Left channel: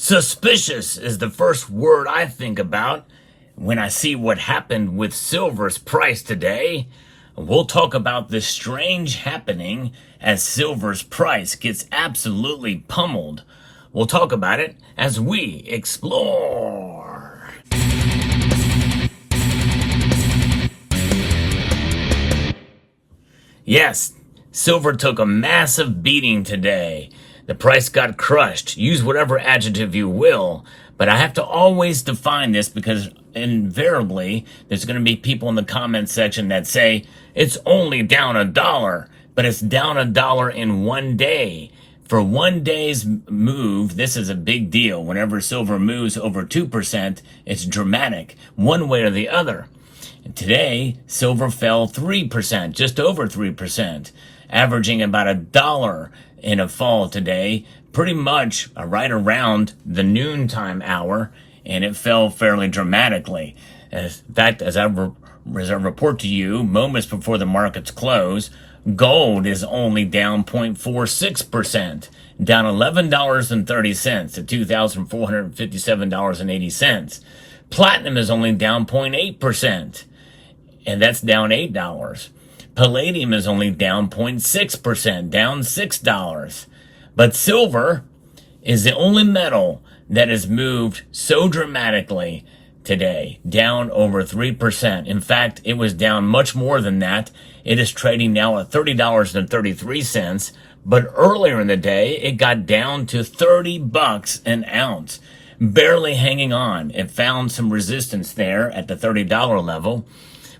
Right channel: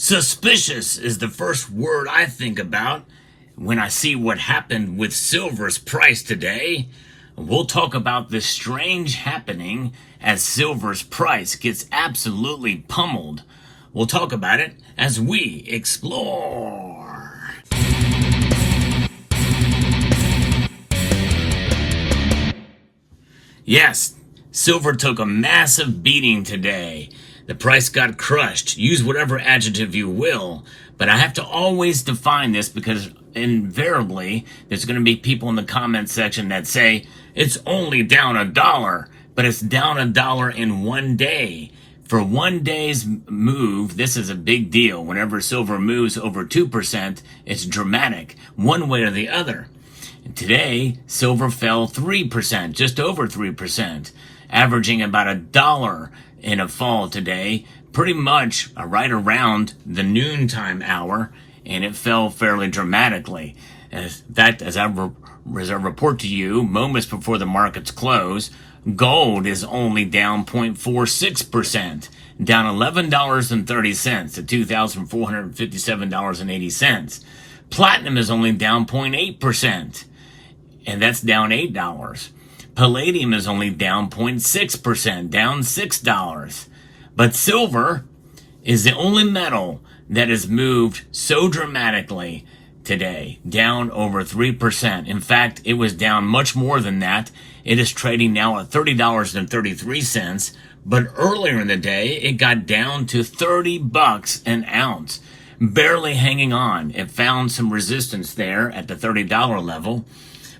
Suspicious is the first word I think about when I see what happened with silver's price today. We'll talk about this strange happening as silver's price gets absolutely pummeled. We'll talk about it as we explore. Yes, silver took a massive beating today. The price got crushed. Use whatever adjective you will, but I have to always define this because invariably there's going to be people in the comment section that say it's only down $1, but it's down $1 in one day. For one day's move, this is a big deal. Whenever silver moves over 2%, it's dramatic, one way or the other. Today, silver fell 3%, just over 3%, averaging about $1 in a fall today, pretty much right around the noontime hour, and it fell fairly dramatically. In fact, as I report to you, moments before the markets close, gold is only down 0.46%, down $11.30 to $2,457.80. Platinum is only down 0.8%, and that's down $8. Palladium is only down 0.6%, down $6. But silver is the only metal that has moved so dramatically today, down over 3%. In fact, it was down much more than that. It is trading now at $30.33, but earlier in the day, it got down to $30 an ounce, barely hanging on. It found some resistance there at the $30 level,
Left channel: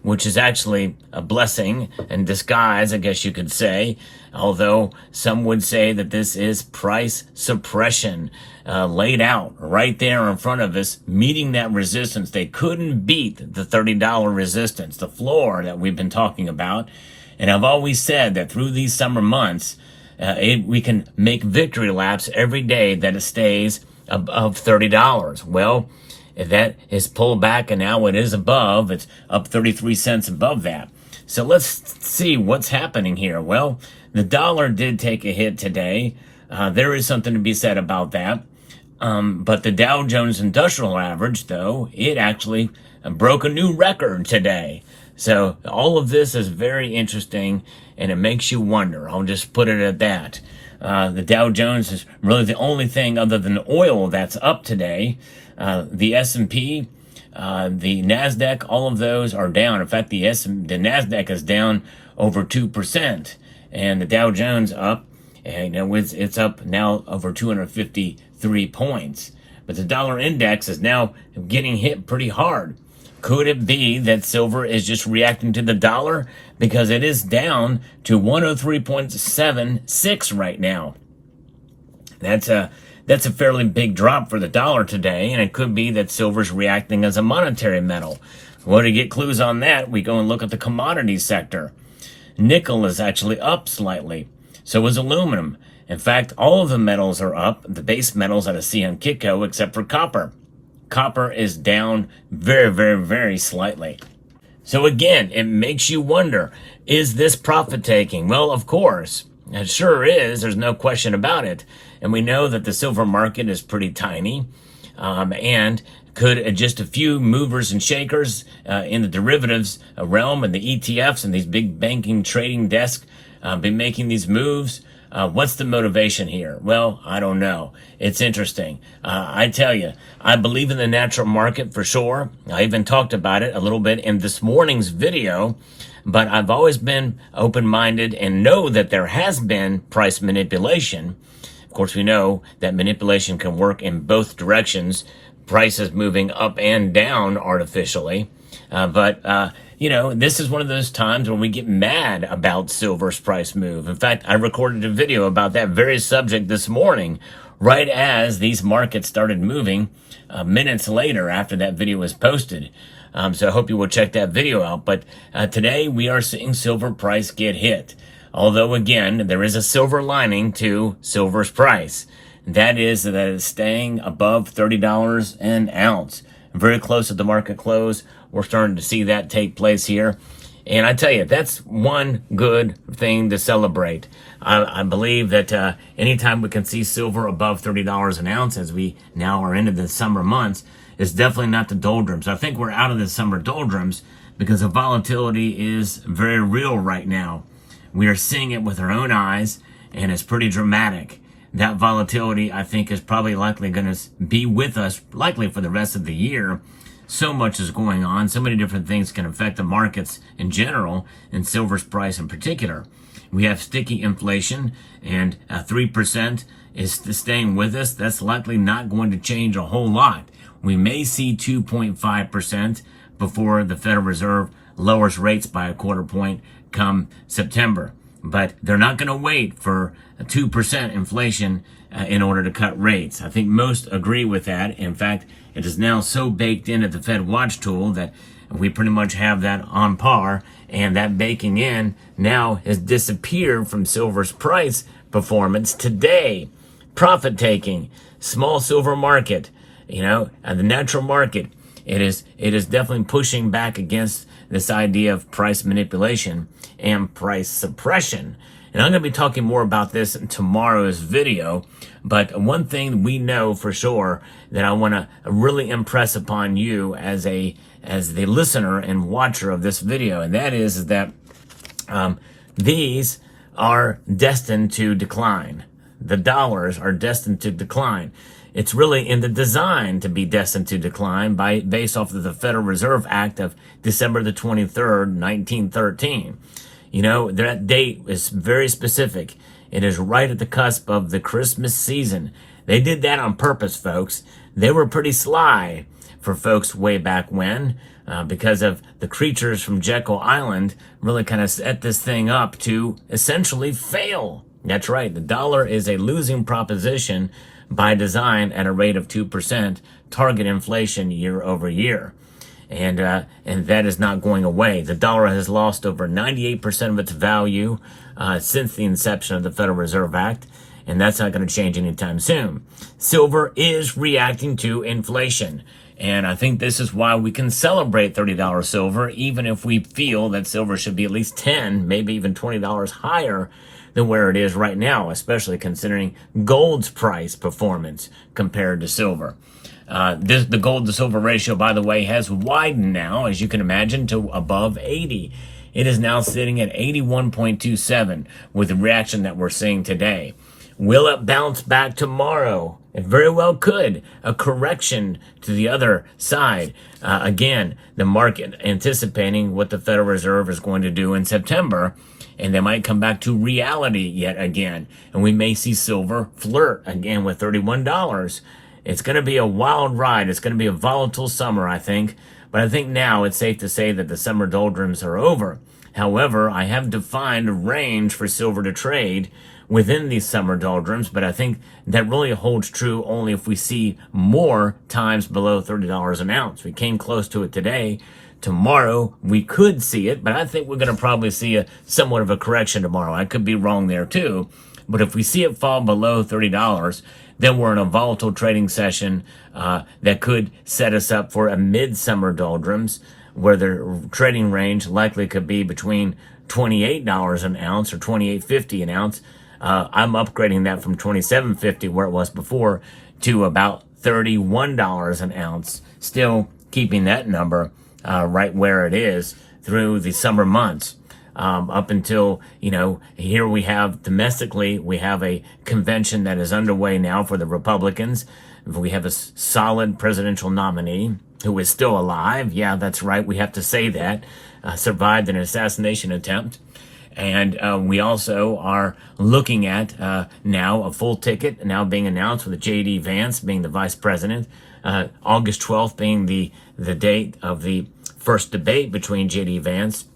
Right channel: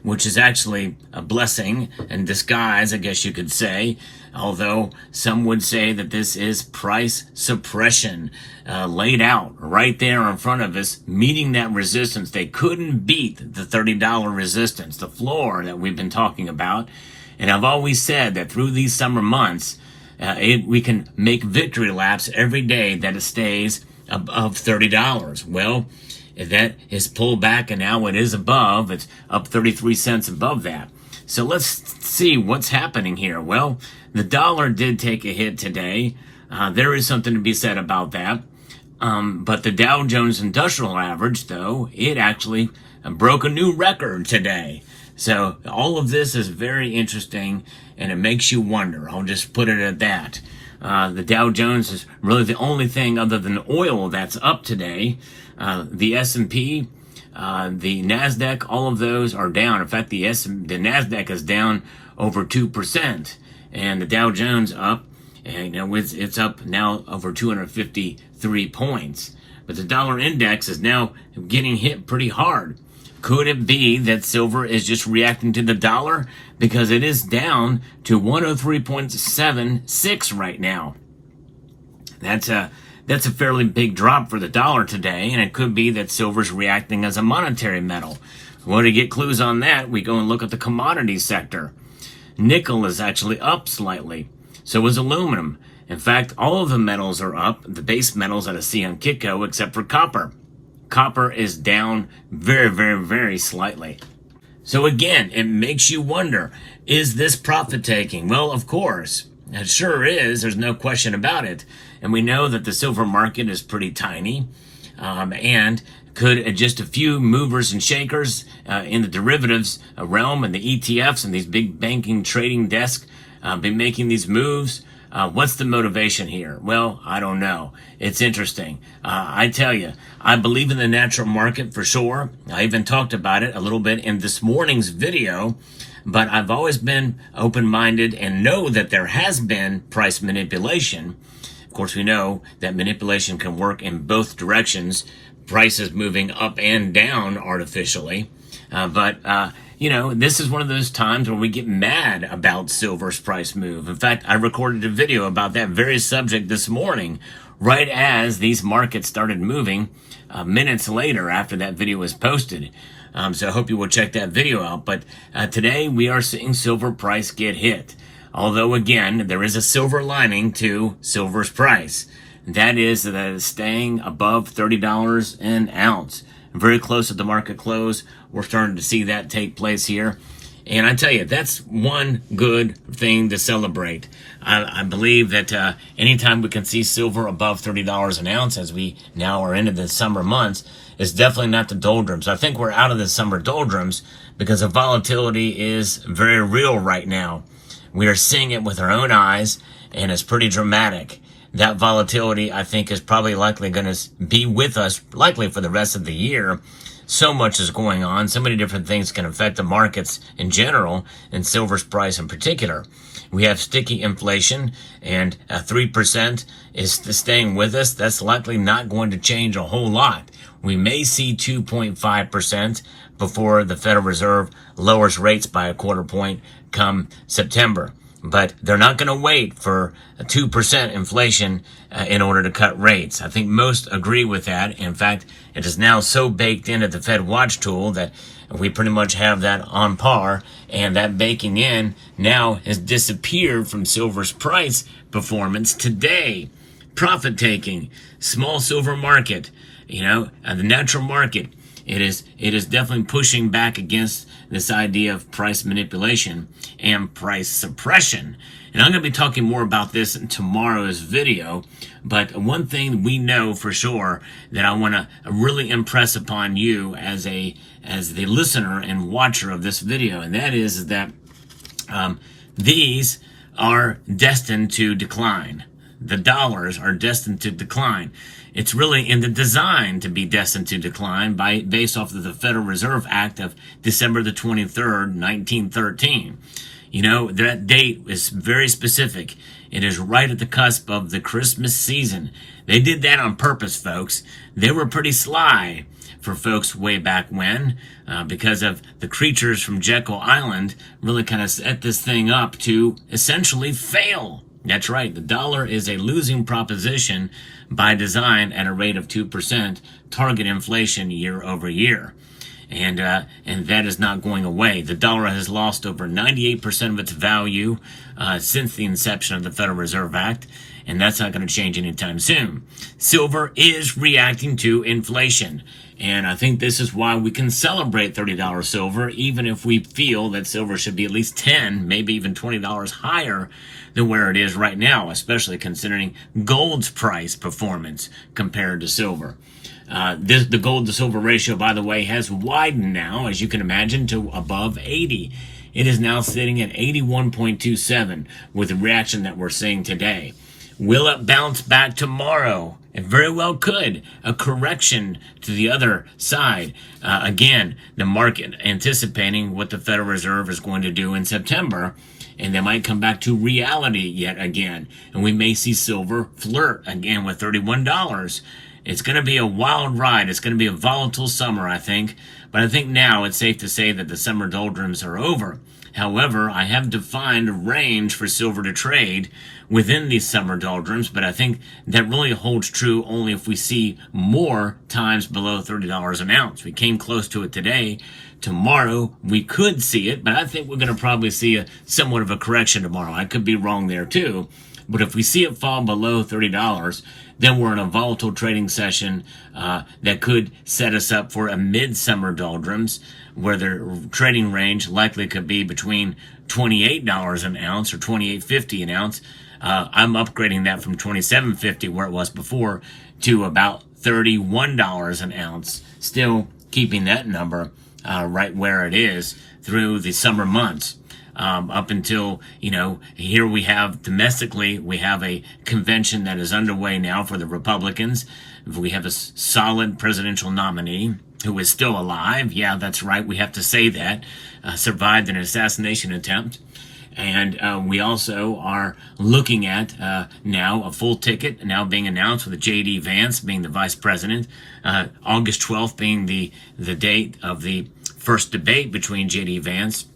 which is actually a blessing in disguise, I guess you could say, although some would say that this is price suppression laid out right there in front of us, meeting that resistance. They couldn't beat the $30 resistance, the floor that we've been talking about. And I've always said that through these summer months, we can make victory laps every day that it stays above $30. Well, that is pulled back and now it is above. It's up 33 cents above that. So let's see what's happening here. Well, the dollar did take a hit today. There is something to be said about that. But the Dow Jones Industrial Average, though, it actually broke a new record today. So all of this is very interesting and it makes you wonder. I'll just put it at that. The Dow Jones is really the only thing other than oil that's up today. The S&P, the NASDAQ, all of those are down. In fact, the NASDAQ is down over 2%, and the Dow Jones up, and it's up now over 253 points. But the dollar index is now getting hit pretty hard. Could it be that silver is just reacting to the dollar? Because it is down to 103.76 right now. That's a fairly big drop for the dollar today, and it could be that silver's reacting as a monetary metal. Well, to get clues on that, we go and look at the commodity sector. Nickel is actually up slightly. So is aluminum. In fact, all of the metals are up, the base metals that I see on Kitco, except for copper. Copper is down very, very, very slightly. So again, it makes you wonder, is this profit taking? Well, of course. It sure is. There's no question about it. And we know that the silver market is pretty tiny. And could just a few movers and shakers in the derivatives realm and the ETFs and these big banking trading desks be making these moves? What's the motivation here? Well, I don't know. It's interesting. I tell you, I believe in the natural market for sure. I even talked about it a little bit in this morning's video. But I've always been open-minded and know that there has been price manipulation. Of course, we know that manipulation can work in both directions, prices moving up and down artificially. This is one of those times where we get mad about silver's price move. In fact, I recorded a video about that very subject this morning, right as these markets started moving minutes later after that video was posted. So I hope you will check that video out. But today we are seeing silver price get hit. Although, again, there is a silver lining to silver's price. That is that it is staying above $30 an ounce. Very close at the market close. We're starting to see that take place here. And I tell you, that's one good thing to celebrate. I believe that anytime we can see silver above $30 an ounce, as we now are into the summer months, is definitely not the doldrums. I think we're out of the summer doldrums because the volatility is very real right now. We are seeing it with our own eyes, and it's pretty dramatic. That volatility, I think, is probably likely going to be with us likely for the rest of the year. So much is going on. So many different things can affect the markets in general, and silver's price in particular. We have sticky inflation, and 3% is staying with us. That's likely not going to change a whole lot. We may see 2.5% before the Federal Reserve lowers rates by a quarter point come September. But they're not going to wait for a 2% inflation in order to cut rates. I think most agree with that. In fact, it is now so baked into the Fed Watch tool that we pretty much have that on par, and that baking in now has disappeared from silver's price performance today. Profit taking, small silver market, the natural market, it is definitely pushing back against this idea of price manipulation and price suppression. And I'm going to be talking more about this in tomorrow's video. But one thing we know for sure that I want to really impress upon you as the listener and watcher of this video, and that is that these are destined to decline. The dollars are destined to decline. It's really in the design to be destined to decline based off of the Federal Reserve Act of December the 23rd, 1913. That date is very specific. It is right at the cusp of the Christmas season. They did that on purpose, folks. They were pretty sly for folks way back when, because of the creatures from Jekyll Island really kind of set this thing up to essentially fail. That's right. The dollar is a losing proposition by design at a rate of 2% target inflation year over year. And that is not going away. The dollar has lost over 98% of its value since the inception of the Federal Reserve Act, and that's not going to change anytime soon. Silver is reacting to inflation, and I think this is why we can celebrate $30 silver, even if we feel that silver should be at least $10, maybe even $20 higher than where it is right now, especially considering gold's price performance compared to silver. The gold to silver ratio, by the way, has widened now, as you can imagine, to above 80. It is now sitting at 81.27 with the reaction that we're seeing today. Will it bounce back tomorrow? It very well could. A correction to the other side. Again, the market anticipating what the Federal Reserve is going to do in September, and they might come back to reality yet again. And we may see silver flirt again with $31. It's going to be a wild ride. It's going to be a volatile summer, I think. But I think now it's safe to say that the summer doldrums are over. However, I have defined a range for silver to trade within these summer doldrums, but I think that really holds true only if we see more times below $30 an ounce. We came close to it today. Tomorrow, we could see it, but I think we're going to probably see somewhat of a correction tomorrow. I could be wrong there too. But if we see it fall below $30, then we're in a volatile trading session that could set us up for a midsummer doldrums, where the trading range likely could be between $28 an ounce or $28.50 an ounce. I'm upgrading that from $27.50, where it was before, to about $31 an ounce, still keeping that number right where it is through the summer months. Up until, here we have domestically, we have a convention that is underway now for the Republicans. We have a solid presidential nominee who is still alive. Yeah, that's right. We have to say that. Survived an assassination attempt. And we also are looking at now a full ticket now being announced with J.D. Vance being the vice president. August 12th being the date of the first debate between J.D. Vance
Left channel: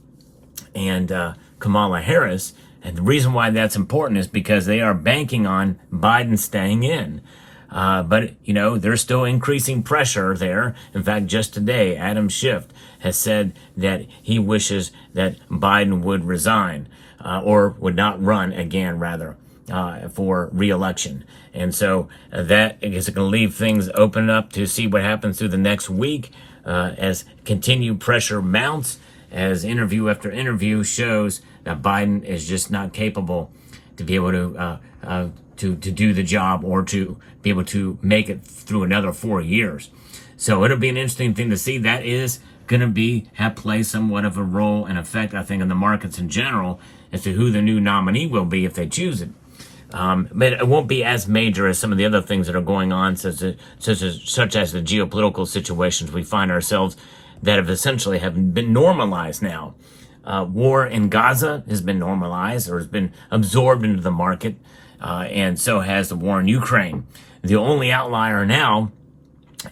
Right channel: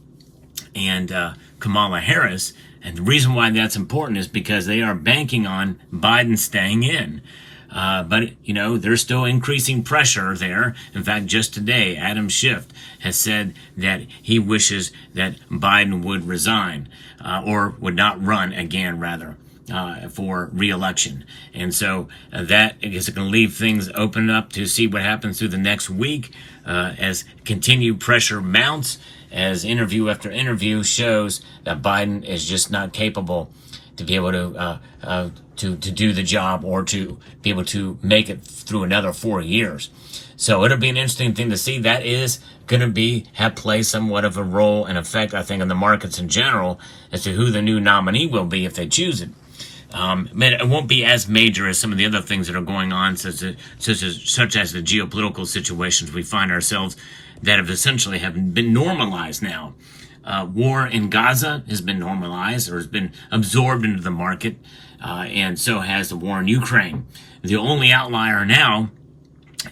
and Kamala Harris. And the reason why that's important is because they are banking on Biden staying in. But there's still increasing pressure there. In fact, just today, Adam Schiff has said that he wishes that Biden would resign, or would not run again, rather. for re-election. And so that is going to leave things open up to see what happens through the next week as continued pressure mounts, as interview after interview shows that Biden is just not capable to be able to do the job or to be able to make it through another 4 years. So it'll be an interesting thing to see. That is going to play somewhat of a role and effect, I think, on the markets in general as to who the new nominee will be if they choose it. But it won't be as major as some of the other things that are going on, such as the geopolitical situations we find ourselves that have essentially been normalized now. War in Gaza has been normalized or has been absorbed into the market, and so has the war in Ukraine. The only outlier now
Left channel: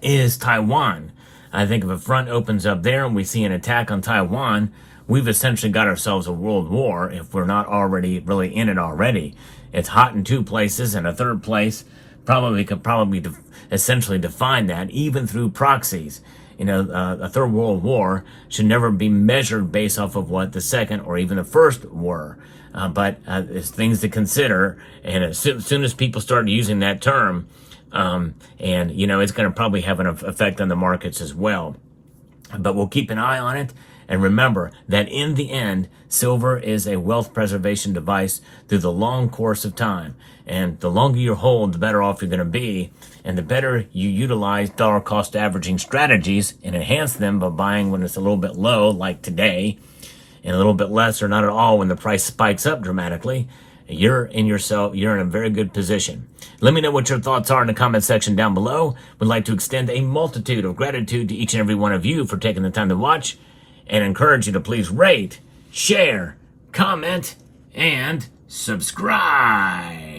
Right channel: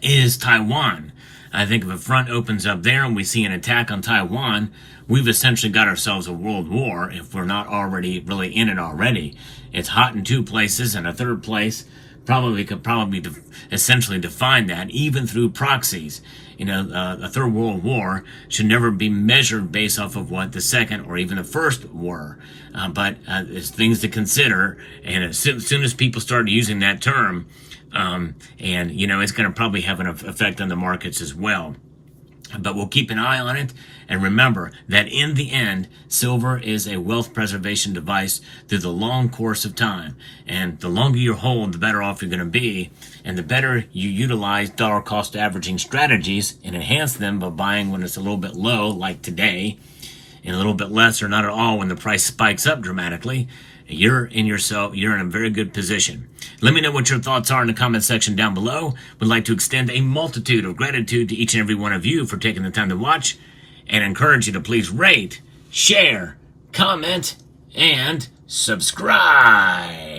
is Taiwan. I think if a front opens up there and we see an attack on Taiwan, we've essentially got ourselves a world war if we're not already really in it already. It's hot in 2 places, and a third place could essentially define that, even through proxies. A third world war should never be measured based off of what the second or even the first were. But it's things to consider, and as soon as people start using that term, it's going to probably have an effect on the markets as well. But we'll keep an eye on it. And remember that in the end, silver is a wealth preservation device through the long course of time. And the longer you hold, the better off you're going to be. And the better you utilize dollar cost averaging strategies and enhance them by buying when it's a little bit low, like today, and a little bit less or not at all when the price spikes up dramatically, you're in a very good position. Let me know what your thoughts are in the comment section down below. We'd like to extend a multitude of gratitude to each and every one of you for taking the time to watch, and encourage you to please rate, share, comment, and subscribe.